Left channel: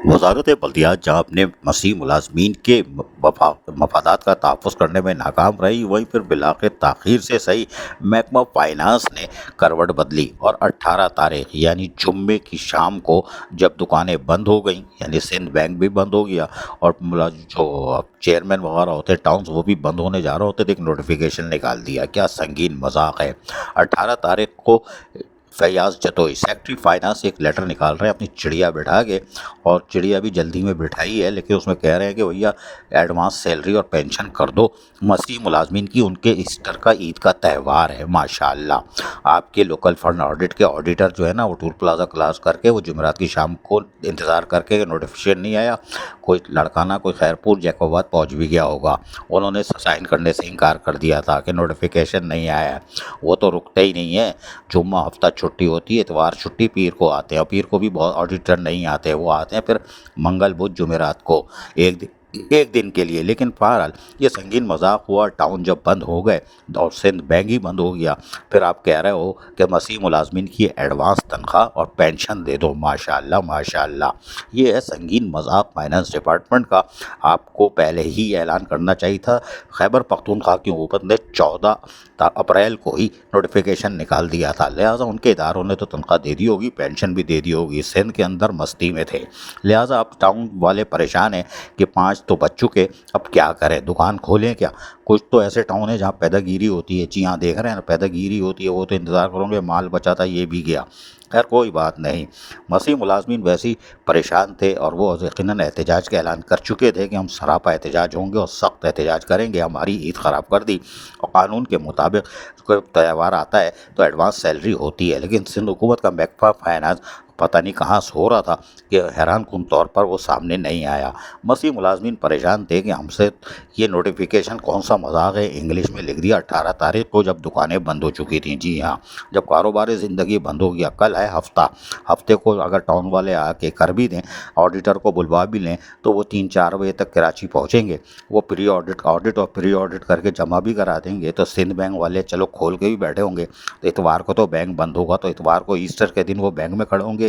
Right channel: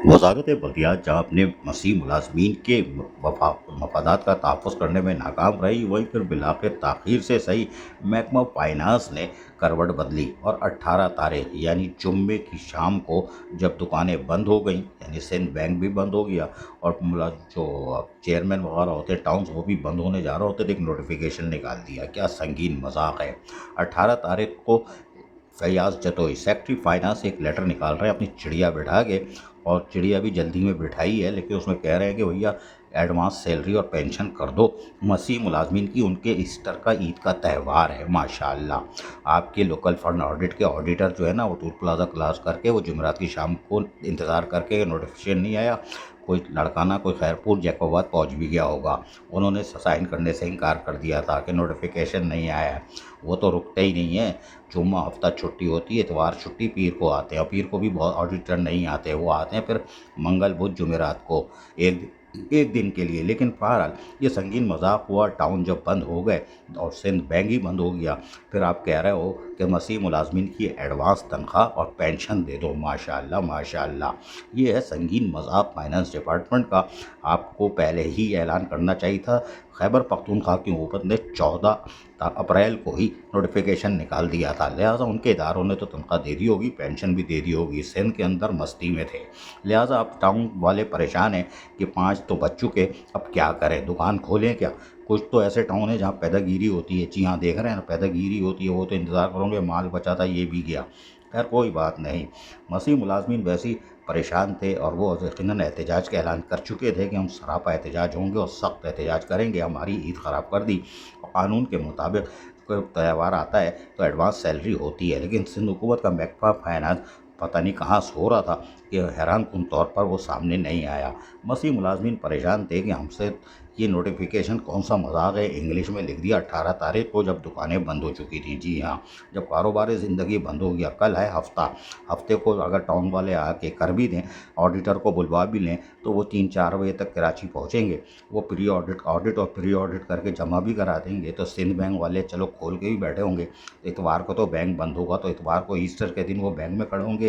वजारत बल्दियात जहाँ अपने मसीह मुलाजमीन के मफादात का तहफ़्फ़ुज़ करने में नाकाम रही, वहीं फिर बिलाखिर ताख़ीर से सही महकमा फाइनेंस ने करवट बदली और 18 तारीख यानी जुम्मे की शाम को जब दुकानें बंद हो गईं, यानी सिंध बैंक भी बंद हो गया और जो चेयरमैन वगैरह होते टाउन्स वो भी बंद होने जा रहे होते थे, एक नोटिफिकेशन निकाल दिया। क्या संगीन मजाक है। 18 तारीख को फैयाज जतोई सेक्रेटरी फाइनेंस एक लेटर निकाल रहे हैं अपनी चिड़िया बिठा के, और चिड़िया भी जल्दी में बिठाई है, लेकिन उसमें कह रहे हैं कि भैया एडवांस सैलरी और पेंशन कर दो मसीह मुलाजमीन की, उनके ईस्टर का ईद का त्यौहार है माशाल्लाह। आपके लोकल फंड ऑडिट के ऑडिटर जो है ना, वो टूल प्लाजा क्लास करके वो जुमेरात की शाम को इंतज़ार करके नोटिफिकेशन नहीं आया, कोई लड़काना कोई खैरपुर जैकोबाद पहुंच भी गया होगा, उन्होंने साइन करने से इनकार कर दिया था कि नोटिफिकेशन नहीं आया है। वो तो रुकते ही नहीं है, जुम्मा हफ्ता छुट्टी होती है, इतवार छुट्टी, पीर को आते हैं, और पीर को भी बहुत ऑडिटर नहीं आते, वो आते हैं फिर मंगल बुध जुमेरात को एक दिन के लिए। लेकिन बहरहाल ये संगीन मजाक हुआ। टाउन जब बंद हो गए और सिंध बैंक ही बंद हो गया, फिर आप कह रहे हो कि मसीह मुलाजमीन की एडवांस तनख्वाह और पेंशन दे दो। माशाल्लाह माशाल्लाह, ये है संगीन मजाक फाइनेंस डिपार्टमेंट का। आपको पहले ही ऐलान करना चाहिए था। खैबर पख्तूनख्वा की हुकूमत ने 14 अप्रैल को ही नोटिफिकेशन निकाल दिया था, लिहाजा उनके इदारों ने तो तनख्वाह दे दी होगी, पेंशन भी दे दी होगी। सिंध के अंदर मस्ती में थे, लिहाजा अब टाउन वाले परेशान हैं कि 5 तो बच चुके, अब क्या करें, दुकान खोलें क्या। कुछ तो ऐसे टाउन है जहाँ पैदागिरी होती है, जी हाँ देख रहे हैं ना, पैदागिरी होती है, वो तो इंतज़ार करोगे माल बचा था ये भी गया। खैर कोई बात नहीं, मसीह मुलाजमीन वैसे ही परेशान थे और वो यकीनन एहतजाज का ऐलान कर चुके थे कि हम सरापा एहतजाज होंगे और सख्त एहतजाज करेंगे, हमारी ईद ख़राब कर दी। और कानून के मुताबिक कोई त्यौहार आता है तो एडवांस सैलरी होती है, लेकिन सिंध हुकूमत का महकमा फाइनेंस पता नहीं कहाँ सो रहा था कि हैरान कुन तौर पर वो सामने नहीं आया। मसीह मुलाजमीन परेशान थे कि हमसे ये नोटिफिकेशन कौन सा मजाक है, इंग्लिश में लिख दिया 18 तारीख को जब दुकानें बंद हो चुकी थी। जी हाँ, जब कारोबार ज़िंदगी बंद हो गया। कल है हफ्ते को अगर टाउन वाले आके कर भी दें, ऑडिटर को बुलवा भी लें, तो वो 3-4 बजे तक कराची पहुँचेंगे, वो प्री ऑडिट और प्री ऑडिट करके जमा भी करा देंगे। तो सिंध बैंक वाले चलो खोल के भी बैठे होंगे, तो इतवार को तो बैंक बंद होगा, तो इतवार को ईस्टर के दिन वो बैंक में खड़े होंगे।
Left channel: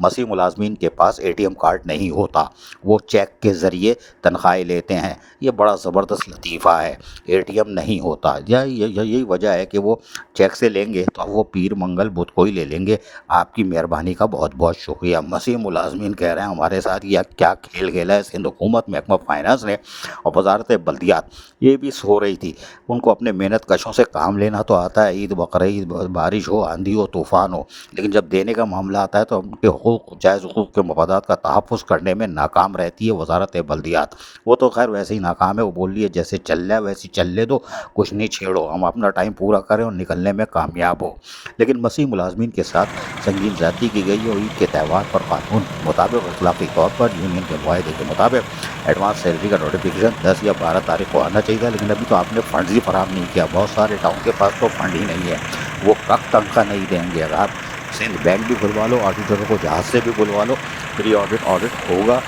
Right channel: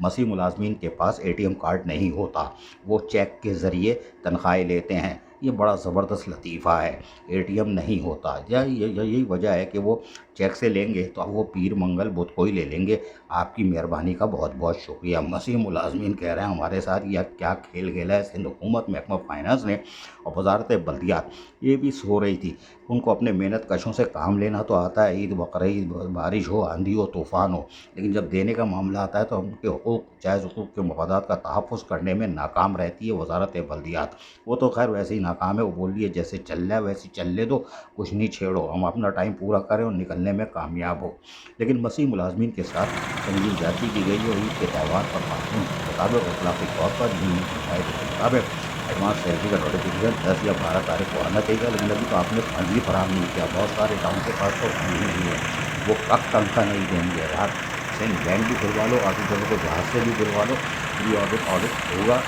मसीह मुलाजमीन के पास एटीएम कार्ड नहीं होता, वो चेक के ज़रिए तनख्वाहें लेते हैं। ये बड़ा ज़बरदस्त लतीफ़ा है, एटीएम नहीं होता। यही वजह है कि वो चेक से लेंगे तो वो पीर मंगल बुध को ही ले लेंगे। आपकी मेहरबानी का बहुत बहुत शुक्रिया। मसीह मुलाजमीन कह रहे हैं हमारे साथ यह क्या खेल खेला है सिंध हुकूमत महकमा फाइनेंस ने। और वजारत बल्दियात ये भी सो रही थी, उनको अपने मेहनत कशों से काम लेना तो आता है, ईद बकरीद बारिश हो, आंधी हो, तूफ़ान हो, लेकिन जब देने का मामला आता है तो उनके हुकूक जायज़ हुकूक के मफादात का तहफ़्फ़ुज़ करने में नाकाम रहती है वजारत बल्दियात। वो तो खैर वैसे ही नाकाम है, वो बोल रही है जैसे चल रहा है वैसे चलने दो, कुछ नहीं छेड़ो, हम अपना टाइम पूरा करें और निकलने में कामयाब हो। लेकिन मसीह मुलाजमीन के साथ संगीन ज्यादती की गई है। ईद के त्यौहार पर कानून के मुताबिक अखलाकी तौर पर यूनियन के माहे के मुताबिक एडवांस सैलरी का नोटिफिकेशन 10 या 12 तारीख को आना चाहिए था, लेकिन अभी तो आपने फंड ही फराहम नहीं किया। बहुत सारे टाउन के पास तो फंड ही नहीं है, वो कब तनख्वाह नहीं देंगे। रात सिंध बैंक भी खुलवा लो, ऑडिटरों को जहाज से भी बुलवा लो, प्री ऑडिट होगा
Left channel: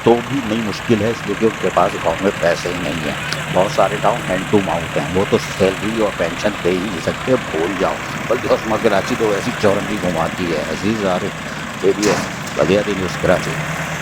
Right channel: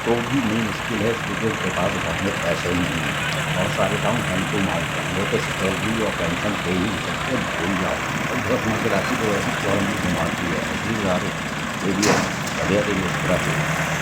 तो भी नहीं मुश्किल है, इसलिए उनके पास अकाउंट में पैसे ही नहीं है। बहुत सारे टाउन हैंड टू माउथ हैं, वो तो सैलरी और पेंशन पे ही नहीं सकते, भूल जाओ। बल्कि उसमें कराची तो ऐसी चौरंगी घुमाती है, अजीज यार, ये भी है बढ़िया दिन उस तरह से।